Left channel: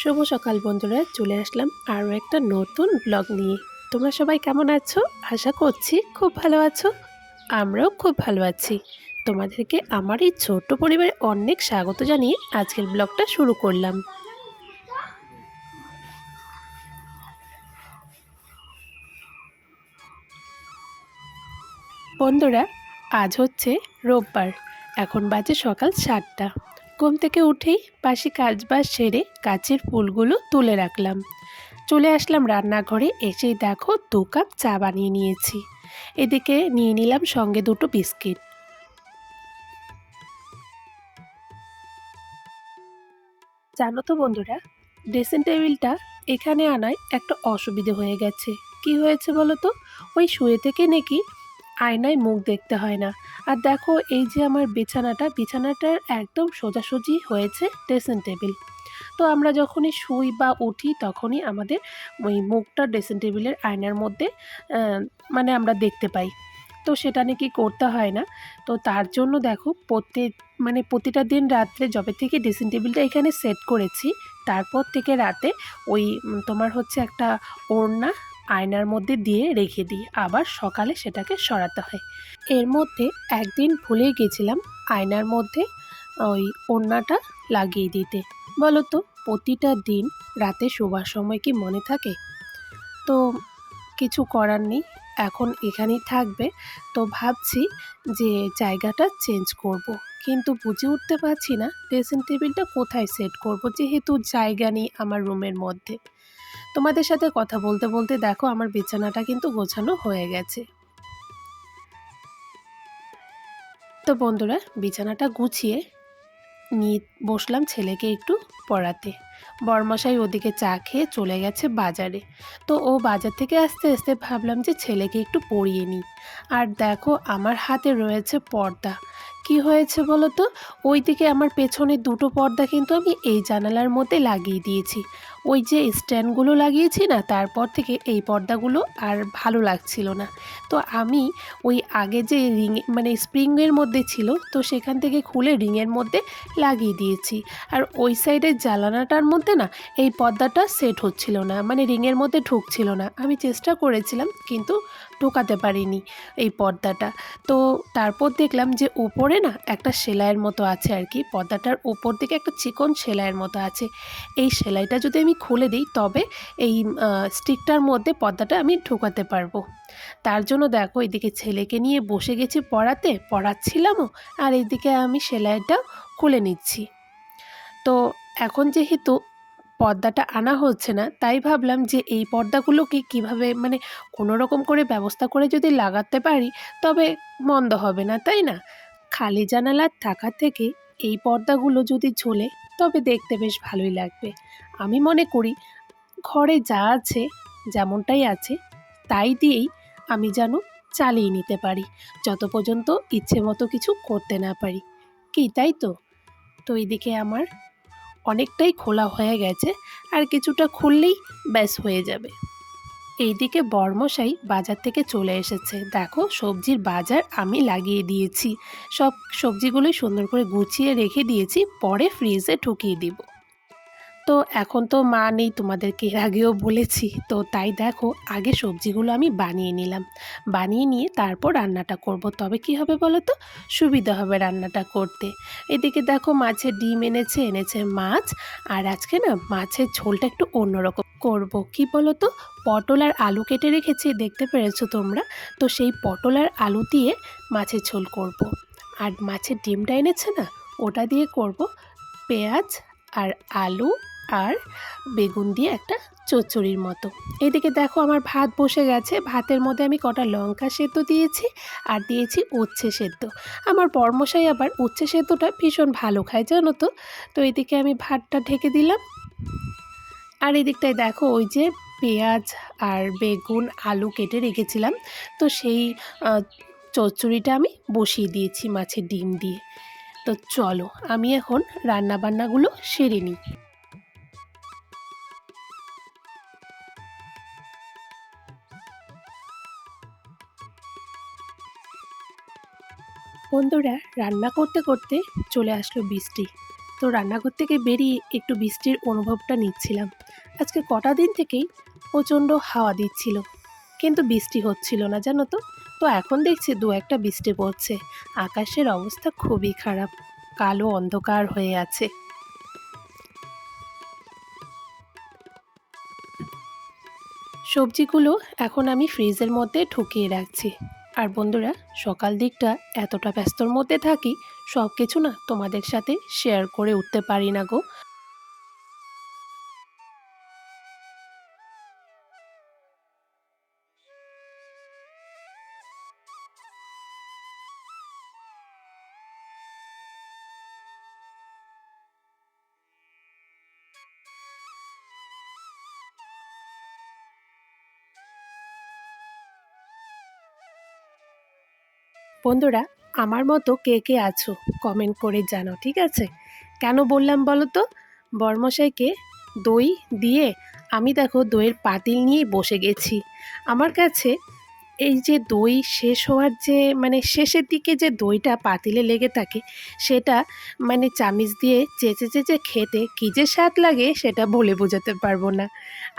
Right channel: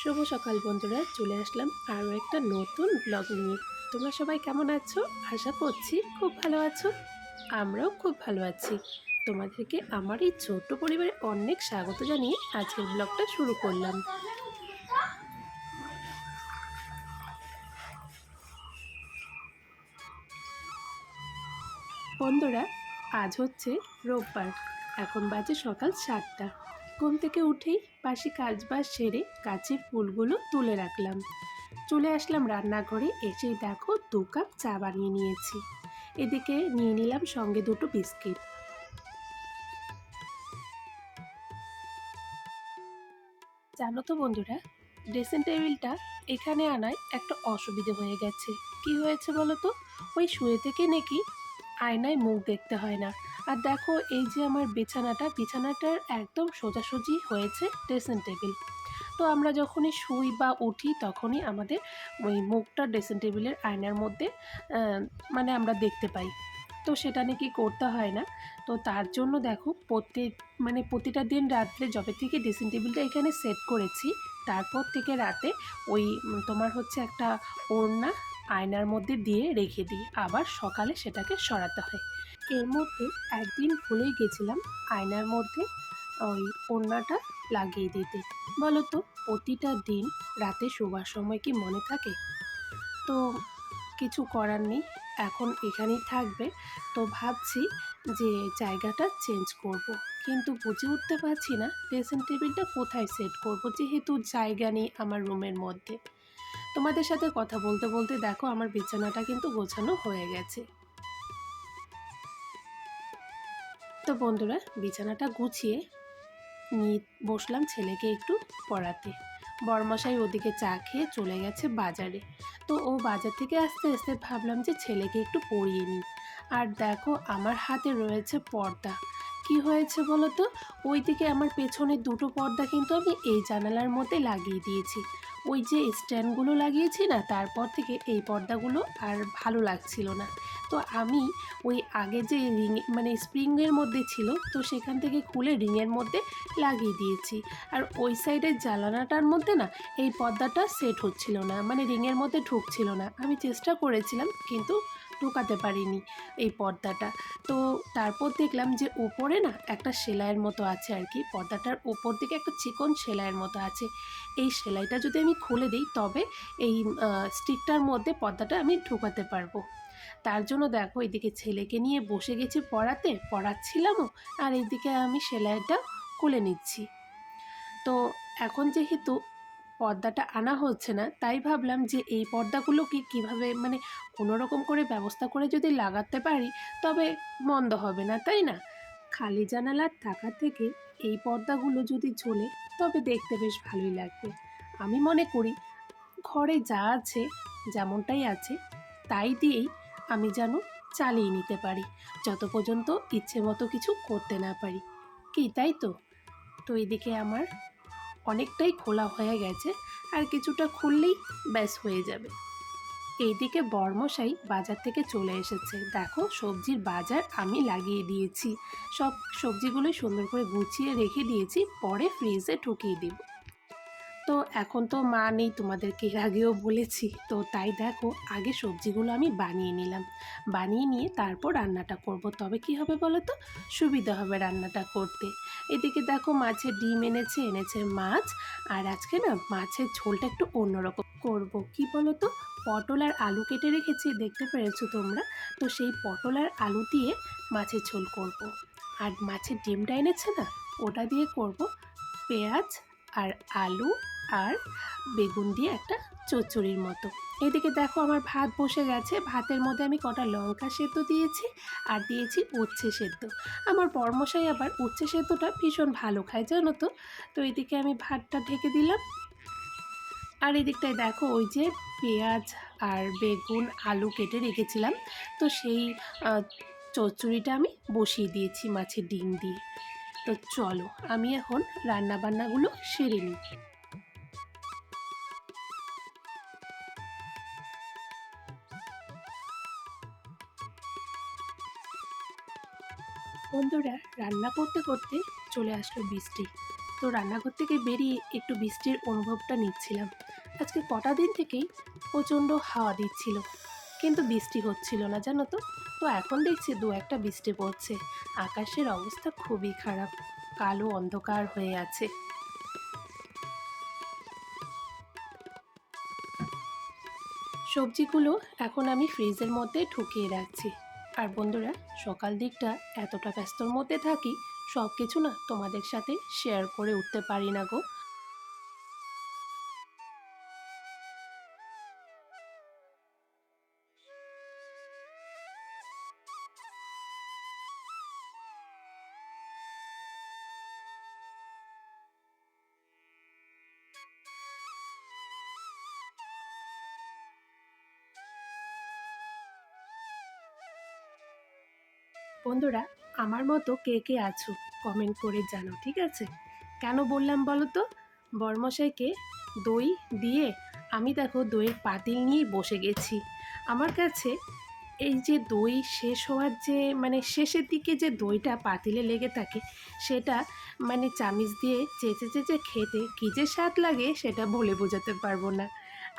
শুভ সকাল বন্ধুরা, চলে আসলাম আরও একটা নতুন ব্লগ নিয়ে। তোমরা সবাই কেমন আছো? আশা করছি খুব ভালো আছো, আমরাও খুব ভালো আছি। তোমাদেরকে আমার এই ছোট্ট পরিবারে অনেক স্বাগত জানিয়ে আজকের ব্লগটা শুরু করলাম। বন্ধুরা, আজ হচ্ছে রোববার, এখন বাজে সকাল সাতটা। ঘুম থেকে উঠেই পাশে কাজবাজ সেরে কাচের ফুলগুলো তুলে রাখলাম। চলে আসলাম রান্নাঘরে, এসেই দেখো দু কাপ চা বানিয়ে নিয়েছি। এদিকে নিয়ে নিলাম সঙ্গে দুটো বিস্কিট। জানো তো বন্ধুরা, ড্রেসিং টেবিলটা এখানে আনায় একটা অসুবিধে হয়ে গেছে। কি হয়েছে বলো তো? ওই শুয়ে থেকে নাকি আয়নায় মুখ দেখতে হয় না। আর দেখো এই যে আমার বিছানাটা, বিছানাটার একদম সোজাসুজি হয়েছে ড্রেসিং টেবিল তো আমরা যখনই শুই বা উঠি তখনই আমাদের ওই মুখটা ড্রেসিং টেবিলের আয়নার মধ্যে মানে আমরা দেখতে পাই। তো সেটা নাকি করতে হয় না? তো তার জন্য দেখো প্রত্যেক মানে প্রতিটা দিন রাত্রে যবে থেকে ড্রেসিং টেবিলটা এখানে সেট করেছি, তারপর থেকে রাতে ওই তোমার হচ্ছে একটা ওড়না আয়নার মধ্যে দিয়ে রেখে দিই। আবার সকালে সেটাকে সরাতে হয়। এর মধ্যে একদিন ভুলে গেছিলাম আয়নার মধ্যে ওই ওড়নাটা লাগিয়ে দিতে। বলো তো প্রতিটা দিন রাতে শোবার সময় কি মনে থাকে? তো কিছু করার নেই, এখন এখানেই থাকবে। তো ভাবছি যে জায়গাটা চেঞ্জ করব। কিন্তু বুঝে উঠতে পারছি না ড্রেসিং টেবিলটা কোথায় সেট করব, যেহেতু জায়গা নেই আমার রুমের মধ্যে। তোমাদের সাথে কথা বলতে বলতে দেখো আমার বিছানাটা কিন্তু গোছানো হয়ে গেছে। তো বন্ধুরা বিছানাটা গুছিয়ে নিয়ে বসলাম ছেলেকে একটু পড়াতে। বরমশাই ওদিকে চা খেয়ে চলে গেছে বাজারে। তো ও বাজার থেকে আসতে আসতে ভাবলাম যে ছেলেকে একটু পড়িয়ে নিই। আর দেখো আমার হাতে রয়েছে পর্দা। কি হয়েছে বলো তো? ওই দিকে আমার পেছনে দুটো পর্দা কিন্তু আমি এই জানালার মধ্যে লাগিয়ে দিয়েছি। ওই যে স্ট্যান্ডগুলো লাগিয়েছি না, তারপর থেকে এই পর্দাগুলো আর ভালো লাগছিল না। তো আমি ওই আগে যে রিং মানে স্প্রিংয়ের মধ্যে ছিল, তো সেখান থেকে খুলে রিংয়ের মধ্যে লাগিয়ে দিয়েছি। আর ওই সাইডের জ্বালানাটার মধ্যে না, এই পর্দাটা সেট হচ্ছিল না মানে রিংয়ের মধ্যে ঢুকছিল না। আমি চেষ্টা করেছিলাম, কিন্তু ঢোকাতে পারিনি এই পর্দাটা। তো তারপর দেখলাম যে উপরে না একটা সেলাইয়ের মতো আছে আর কি। পর্দাটার উপর দিকে একটা চিকন সেলাইয়ের মতো আছে। এই সেলাইটা যদি আমি খুলে দিই, তবে এই স্টিকটার মধ্যে পর্দাটা আমি ঢোকাতে পারব। তার জন্য দেখো, এদিকে ছেলেকে নিয়ে বসে গেছি পড়াতে, পড়াচ্ছিলামও, আর এইদিকে আমি সেলাইটা খুলে নিচ্ছি। তো এখন যেহেতু পর্দাটা আনা হচ্ছে না, তাই ভাবলাম যে এই পর্দাগুলোকে কীভাবে মানে কোনো রকম করে ব্যবস্থা করে যদি লাগাতে পারি, তবে মন্দ হবে না, তাই না? খালি জানালার থাকা থেকে এই পর্দাগুলো যদি ঝোলে, তবে দেখতে বেশ ভালোই লাগবে। আমি মনে করি ঘরে যা আছে, যেমনটাই আছে, তাই দিয়েই আমি যেন চালিয়ে নিতে পারি, যত পর্যন্ত ইচ্ছে মতো কিছু করতে না পারি। কি, তাই তো? তো এদিকে আমার অনেকটাই খোলা হয়ে গেছে আর কিছুটা খুললেই ব্যাস হয়ে যাবে। এইদিকে বর্মশাই বাজার থেকে চলে এসেছে। দেখো, সবজির বাজার আমি লাগিয়ে দিয়েছি। সব সবজিগুলোই সুন্দর করে গুছিয়ে রেখে দিয়েছি, পরে ফ্রিজে ঢুকিয়ে দিব। তো এখন তো মা নেই তোমাদেরকে এর আগেও বলেছি। তো তাই দেখো, আগে সবজিগুলো আমি বানিয়ে নিলাম। বানিয়ে নিয়ে তারপর রান্নাটা করব। তবে কি হবে বলো তো? সুবিধা হবে রান্নাটা করতে। এদিকে দেখো মাছের ডিম এনেছে এনেছে মাছ। আর আজকে না মাছের ঝোলটা একটু অন্যরকম করব। কি বলো তো? পটল আর আলু কেটে রেখেছি, দেখতে পেরেছ তোমরা? তো সেই পটল আর আলু দিয়ে মাছের ঝোল করব। আর মাছের ডিমটা এনেছে না, ওটা দিয়ে করব পেঁয়াজ আর আলু আর বেগুন দিয়ে একটা চচ্চড়ির মতো। এদিকে দেখো আমার ভাত বসে গেছে। ভাতের মধ্যে আমি কটা লঙ্কা সেদ্ধ দিয়েছি আর দিয়েছি উচ্ছে সেদ্ধ। আমার বর্মশাই আবার উচ্ছে সেদ্ধটা ভীষণ ভালো খায়, জানো তো? তো এদিকে আমি ভাতটা ঢেকে দিলাম। আর এদিকটায় দেখো ওই যে পেঁয়াজ আর বেগুন আলু কেটে রেখেছিলাম। তো সেই চচ্চড়িটা আমি বসিয়ে দিয়েছি মাছের ডিম দিয়ে। তো চলো, আমি এখন রান্নাবান্নাগুলো সেরে নিই। বন্ধুরা রান্না করতে করতে চলে আসলো বৃষ্টি। তো রান্নাঘর থেকে বেরিয়ে একটু বৃষ্টির অনুভবটা নিচ্ছিলাম। আজকে কটা দিন থেকেই প্রচণ্ড হাওয়া দিচ্ছিল। কিন্তু বৃষ্টি হচ্ছিল না, জানো তো? তো এখন দেখছি দু একটা বৃষ্টি পড়ছে। আকাশের অবস্থা খুবই খারাপ। কালো অন্ধকার হয়ে আছে। সবজিগুলো এখন আমি ফ্রিজের মধ্যে ঢুকিয়ে রাখছি। আর বন্ধুরা, সকাল দিকটা এতটা ব্যস্তর মধ্যে থাকি সব কিছু না তোমাদের সাথে শেয়ার করে উঠতে পারি না গো। বন্ধুরা, আমার মতো কে কে আছো? কমেন্ট করে জানো ঠিক আছে? কেন বললাম বলো তো? বর্মশাইকে দই দিয়ে আমি দেখো দইয়ের পাতিল নিয়ে বসে গেছি। আমার কাছে এই যে দই শেষ হওয়ার যে মানে শেষের দিকে যে দইটা পাতিলে লেগে থাকে, সেটা মানে চামিচ দিয়ে চেঁচে চেঁচে খেতে কী যে স্বাদ লাগে সেটা বলে বোঝাতে পারব না।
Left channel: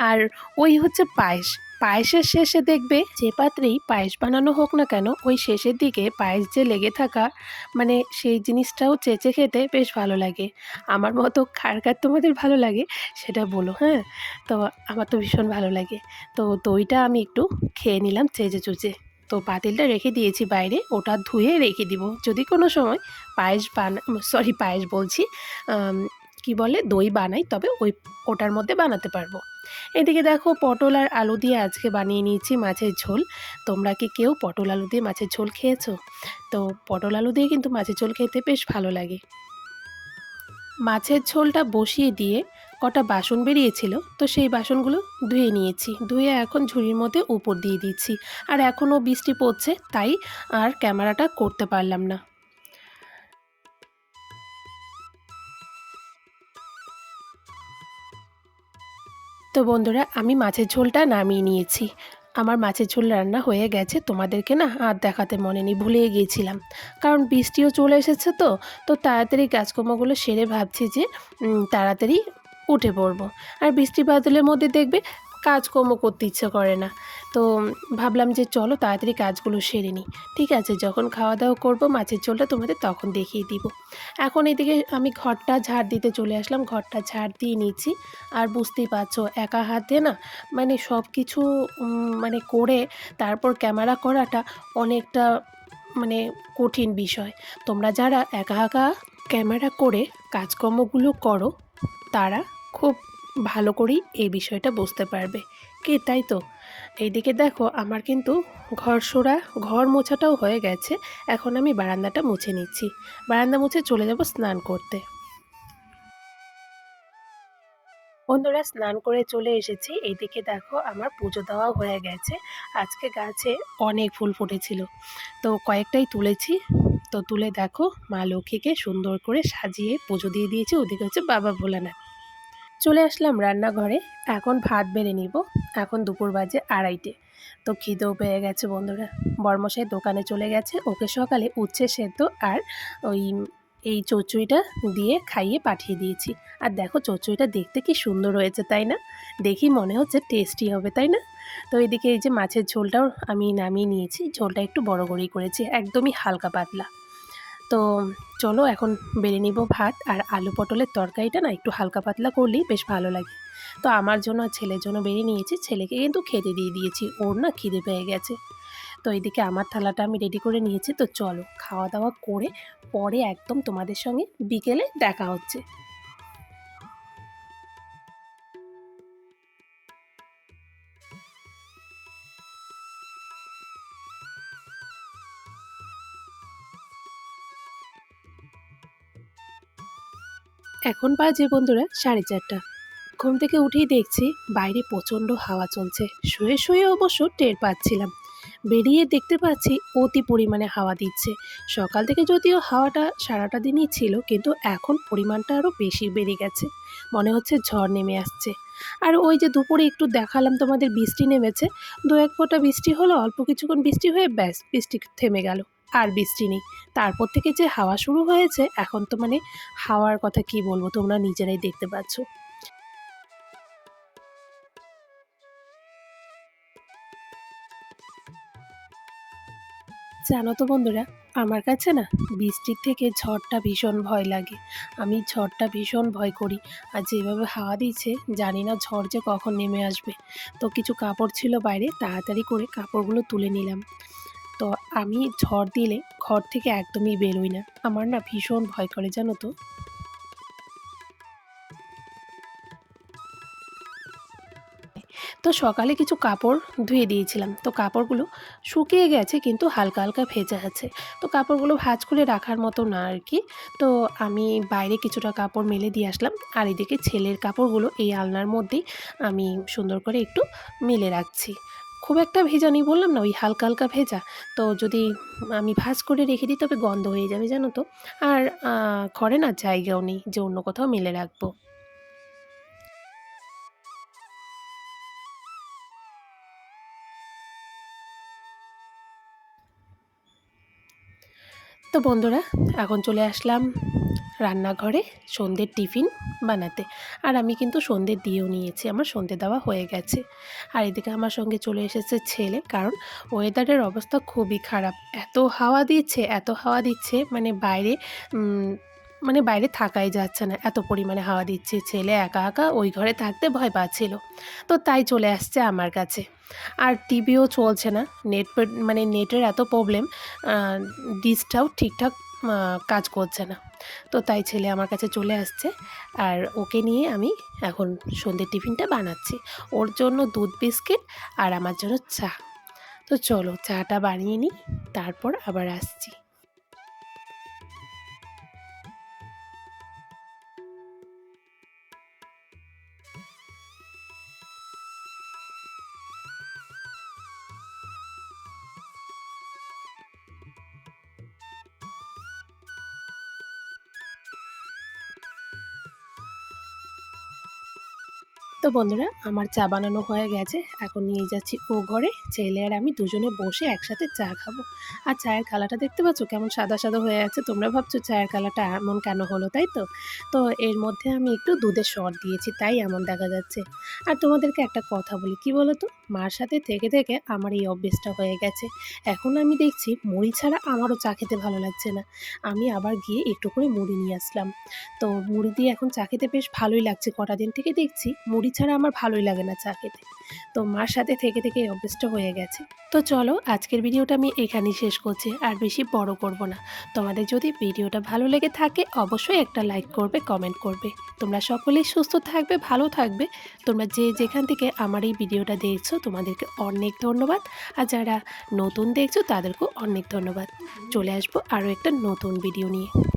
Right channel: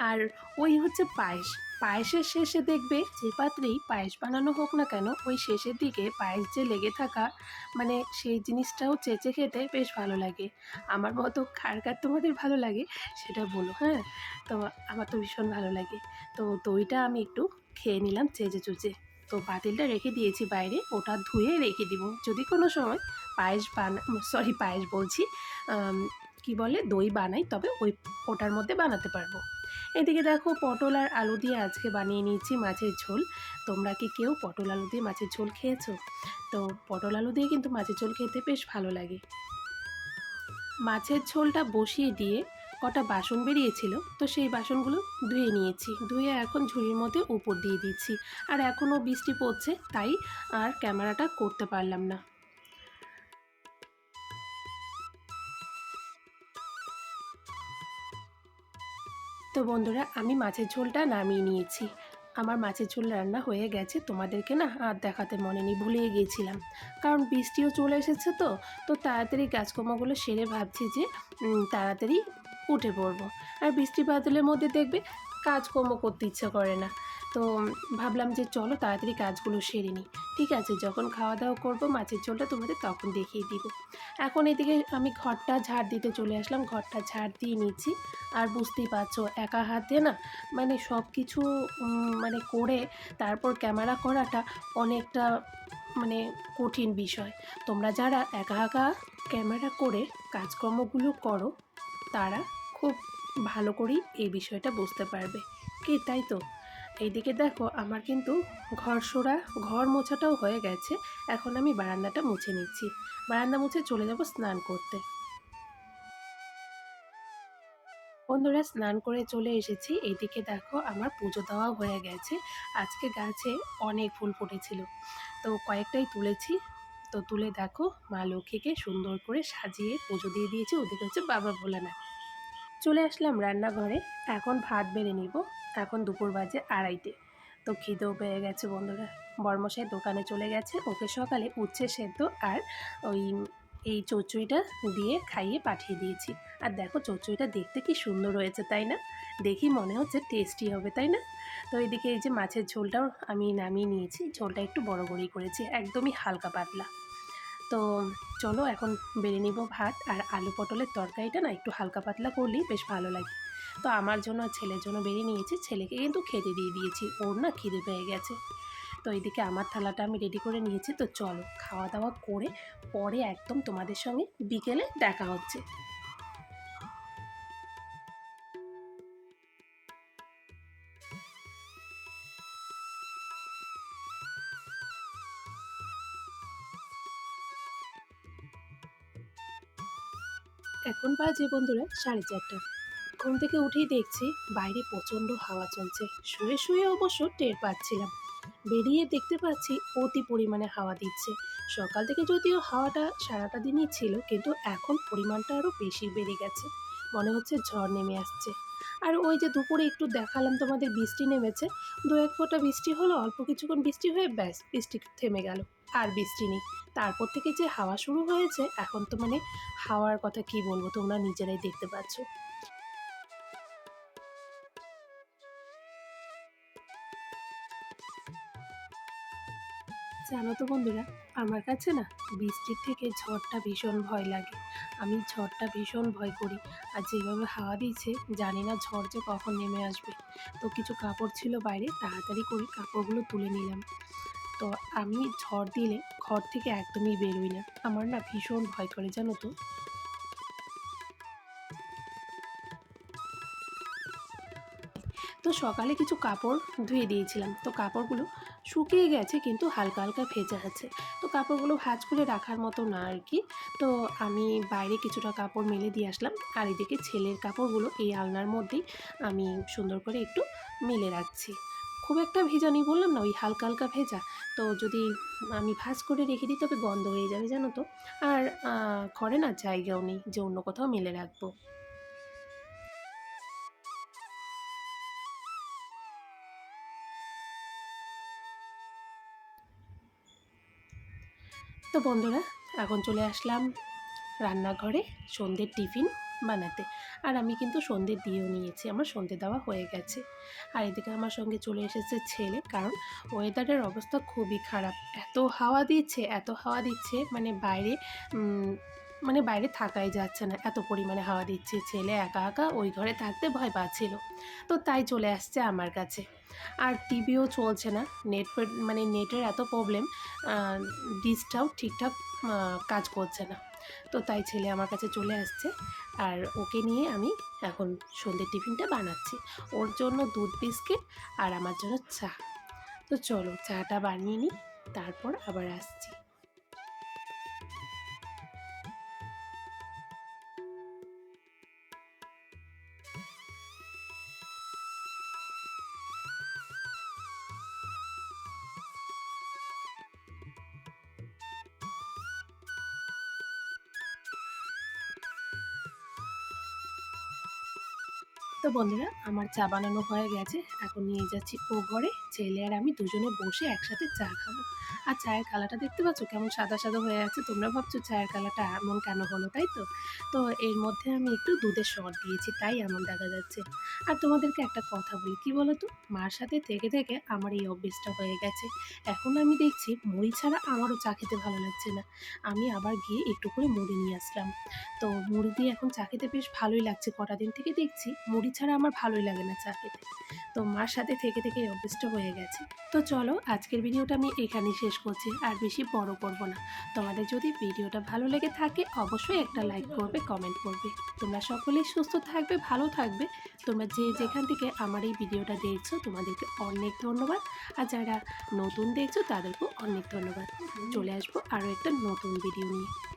আর ওই হচ্ছে পায়েস। পায়েসের শেষে দেখবে যে পাত্রেই পায়েস বানানো হোক না কেন, ওই শেষের দিকে পায়েস যে লেগে থাকা মানে সেই জিনিসটাও চেঁচে খেতে বেশ ভালো লাগে। আমার মতো কার কার তোমাদের ভালো লাগে সেটা বলো হ্যাঁ? তো আমার তো ভীষণ ভালো লাগে। তো দইটা আমি একটু খেয়ে নিলাম চেঁচে চুচে। তো পাতিলটা রেখে দিয়েছি বাইরে, ওটা ধুয়ে রেখে দিব। যদি কোনো সময় পায়েস বানা, সরি পায়েস বলছি কি বলে? দই বানাই, তবে ওই ওটার মধ্যে বানাতে পারব। এদিকে দেখো পটল আর আলু দিয়ে আজকে বানিয়ে নিয়েছি মাছের ঝোল। তোমরা কি কেউ পটল আলু দিয়ে মাছের ঝোল খেয়েছো? তো পটল আলু দিয়ে কিন্তু মাছের ঝোল খেতে বেশ ভালো লাগে। মাছের ঝোলটা বসিয়ে দিয়ে কটা বাসন বেরিয়েছিল, তো সেই বাসনগুলো ধুয়ে নিয়েছি। ধুয়ে এখন ঝুড়ির মধ্যে উপর দিয়ে দিচ্ছি। আর এখনও বৃষ্টি পড়ছে, তাই আর ক্যামেরাটা করতে পারলাম না। তো বন্ধুরা, আমি মাছের ঝোলটা নামিয়ে নিয়েছি। আমার মাছের ঝোল রান্না হয়ে গেছে, তোমাদেরকে না আর দেখাতে মনে নেই, ভুলেই গিয়েছিলাম। কারণ বৃষ্টিও চলে এসেছে তো তো তাড়াতাড়ি গাছকর্মগুলো সেরে ভাবছি যে তাড়াতাড়ি উঠে পড়ব। আর বৃষ্টি বাদলের মধ্যে দেখবে কাজকর্ম করতে ইচ্ছে করে না। তো ভাবলাম যে চলো তাড়াতাড়ি কাজগুলো সেরে নিই। ঠিক আছে, যখন খাওয়া দাওয়া করব, মাছের ঝোলটা তোমাদের তখন দেখিয়ে দিব। এখন এদিকে আমি ঘরটা ঝাড় দিতে চলে আসলাম, ঘরটা ঝাড় দিয়ে নিচ্ছি। আর বুঝতেই পারছ, একা হাতে না মানে সব কিছু মানে করে তারপর ক্যামেরা করাটা অনেকটা মানে কঠিন বিষয়। তোমরা যারা একা একা ক্যামেরা করে কাজকর্মগুলো করো, তারা খুব ভালো করেই এই বিষয়টা বুঝতে পারবে। কি তাই তো? এইদিকে দেখো, আমার কিন্তু ঘর সোরা, ঘর মোছাটাও হয়ে গেছে। এখন আমি বারান্দাটা মুছে নিচ্ছি। বারান্দা মুছে চলে যাব স্নান করতে। বন্ধুরা, স্নান করে চলে এসেছি। এইদিকে দেখো, আমার পুজো দেওয়া হয়ে গেছে। আজকে গাছে অনেক ফুল ফুটেছিল। তো কয়েকটাই তুলেছি। তো তুলে দেখো, মা লক্ষ্মীকে সুন্দর করে সাজিয়ে পুজো দিয়ে দিয়েছি। ওদিকে হচ্ছে বাবা ভোলানাথ। চলে আসলাম রান্নাঘরে। এখন ভাত বেড়ে নিব। এখন দুপুর বাজে আড়াইটে। তো খিদেও পেয়ে গেছে বন্ধুরা। বর্মশাই দোকানে চলে গেছে। ওকে সকালে উচ্ছে সেদ্ধ আর ওই এই চচ্চড়িটা দিয়ে খাইয়ে পাঠিয়ে দিয়েছি। আর দেখো চচ্চড়িটা দেখতে কি সুন্দর হয়েছে, তাই না? দেখি মনে হচ্ছে টেস্টি হবে, তাই না? তো এদিকে এই যে মাছের ঝোলটাও আমি নামিয়ে নিয়েছি। ঝোলটা একটু বড় করেই করেছি। একদমই হালকা পাতলা। তো চলো এখন বেড়ে নিব ভাত আর আলু পটলের তরকারিটা না একটু হালকা পাতলা করলেই বেশ ভালো লাগে। তো আমার জন্য ছেলের জন্য বেরিয়ে নিয়েছি, ছেলেকে কিন্তু খেতে দিয়ে দিয়েছি, ওর না খিদে পেয়ে গেছে। তো এদিকে আমার থালাটা আমি রেডি করে নিয়েছি, তো চলো খাওয়া দাওয়া করে পরে একদম তোমাদের সঙ্গে বিকেলে দেখা হচ্ছে। এখন বাজে বন্ধুরা, সাড়ে চারটা। ঘুম থেকে উঠেই দেখছি বাইরে প্রচণ্ড হাওয়া চলছে। শুয়ে শুয়ে অবশ্য টের পাচ্ছিলাম। বেরিয়ে দেখতে পাচ্ছি অতি পরিমাণে হাওয়া দিচ্ছে। সকাল থেকে যদিও হাওয়াটা সারাটা দিনই ছিল, কিন্তু এখন পরিমাণটা আরও বেশি বেড়ে গেছে। মনে হচ্ছে ঝড় নেমে আসছে। আর ওই যে দুপুরে একটু দেখালাম তোমাদের বৃষ্টি নেমেছে। দু এক ফোঁটা বৃষ্টি হলো, অল্প কিছুক্ষণ বৃষ্টি হয়ে ব্যাস বৃষ্টি থেমে গেল। আর বৃষ্টি নেই। তারপর থেকে যে হাওয়া শুরু হয়েছে, এখন তো মানে হাওয়ার কথা কি বলব, তোমরা নিজেরাই দেখতে পাচ্ছ। জানো তো বন্ধুরা, আমার কাছে না বৃষ্টির থেকে ঝড়টা ভীষণ ভয় লাগে। আমি ঝড়টা ভীষণ ভয় করি। আর যেভাবে হাওয়া দিচ্ছে জানি না ঝড় যে কখন নেমে আসবে। তো কিছু কাপড় ছিল বাইরে, তাড়াতাড়ি করে কাপড়গুলো তুলে নিলাম। আমি ঝড় দিলে ঘর থেকে একদমই বেরোই না। আমার না ভীষণ ভয় করে, জানো তো। তো সকালে কিছু কাপড় ধুয়ে দিয়েছিলাম। তো কাপড়গুলো শুকিয়ে গেছে, কিন্তু হালকা হালকা ভেজা আছে। তো কাপড়গুলো ভাঁজ করে রাখার মতো না আর কি। তো আমি বাইরে কিছুটা কাপড় মেলে দিয়ে আসলাম। আর এদিকে ছেলের কাপড়গুলো এই আলনার মধ্যেই আমি সুন্দর করে একটু মেলে রাখছি। খুব একটা ভেজা নেই, বললাম না, ওই হালকা হালকা ভেজা। তো যদি আমি ভাজ করে রেখে দিই, তবে গন্ধ হয়ে যাবে, জানো তো। আর ঘরে না জায়গাও নেই, যে অন্য কোথাও মেলে রাখব। তো বন্ধুরা, এখন চলে আসলাম রান্নাঘরে সন্ধ্যের টিফিন বানাতে। আর আমি কিন্তু সন্ধ্যে দিয়েও নিয়েছি, আমার সন্ধ্যে দেওয়া হয়ে গেছে। আর এদিকে আমার সঙ্গে চলে এসেছে ছেলে, কারণ ওয়েদারের অবস্থা খুবই খারাপ। এত হাওয়া দিচ্ছে, এত হাওয়া দিচ্ছে মানে বাইরে মানে বাইরে থাকাই যাচ্ছে না। এত পরিমাণে হাওয়া দিচ্ছে, ছেলে একা একা ওই ঘরে থাকতে ভয় পাচ্ছিল। তো তাই চলে আসছে আমার কাছে। আর টিভিও চলছে না, নেট মানে নেটের এত প্রবলেম ডিসটাও ঠিকঠাক কাজ করছে না। তো তাই ছেলে আমার কাছে চলে আসছে। আর ওকে নিয়ে আমি এখন সন্ধ্যের টিফিনটা বানাচ্ছি। ওর জন্য দুধ, বিস্কিট আর আমার জন্য চা। তো চলো, চাটা বানিয়ে নিই, তারপর আবার আসছি। তো বন্ধুরা, আমার চা বানানো হয়ে গেছে। এখন নিয়ে যাচ্ছি ও ঘরে। ছেলে আর আমি দুজনে বসে একসাথে চা খাব। আর চায়ের কালারটা দেখতে পাচ্ছ? কেমন সাদা সাদা হয়ে আছে। তোমরা ভাবছ চায়ের কালারটা এমন কেন হলো, তাই তো? তো এর মধ্যে আমি একটু দুধের শট দিয়েছি, তাই এমন দেখা যাচ্ছে। আর তোমাদেরকে একটা কথা বলি, কি বলো তো মার সাথে থেকে থেকে আমার এই অভ্যেসটা হয়ে গেছে। এখন আমি দেখছি মুড়ি ছাড়া আমারও চা খেতে ভালো লাগছে না। আমি আবার গিয়ে একটু করে মুড়ি নিয়ে আসলাম। তো মুড়ি দিয়ে এখন চা খেতে বেশ ভালোই লাগছে। কটা দিন থেকে দেখছি মুড়ি ছাড়া আমার ভালোই লাগে না চা খেতে। তো মার সাথে থেকে থেকে এই অভ্যেসটা হয়ে গেছে। তো চলো, আজকের ভিডিওটা আমি এখানেই শেষ করছি, আর বেশি বড় করব না। তোমাদের যদি ভিডিওটা ভালো লেগে থাকে, অবশ্যই একটা লাইক করবে, কমেন্ট করবে। তোমরা সকলেই সুস্থ থাকবে, ভালো থাকবে। তোমরা যে যেখান থেকে আমার এই ভিডিওটা দেখছ, তোমাদেরকে অনেক ধন্যবাদ। আর যারা নতুন দেখছ, তাদেরকেও অনেক ধন্যবাদ। চলে আসব আরও একটা নতুন ভিডিও নিয়ে।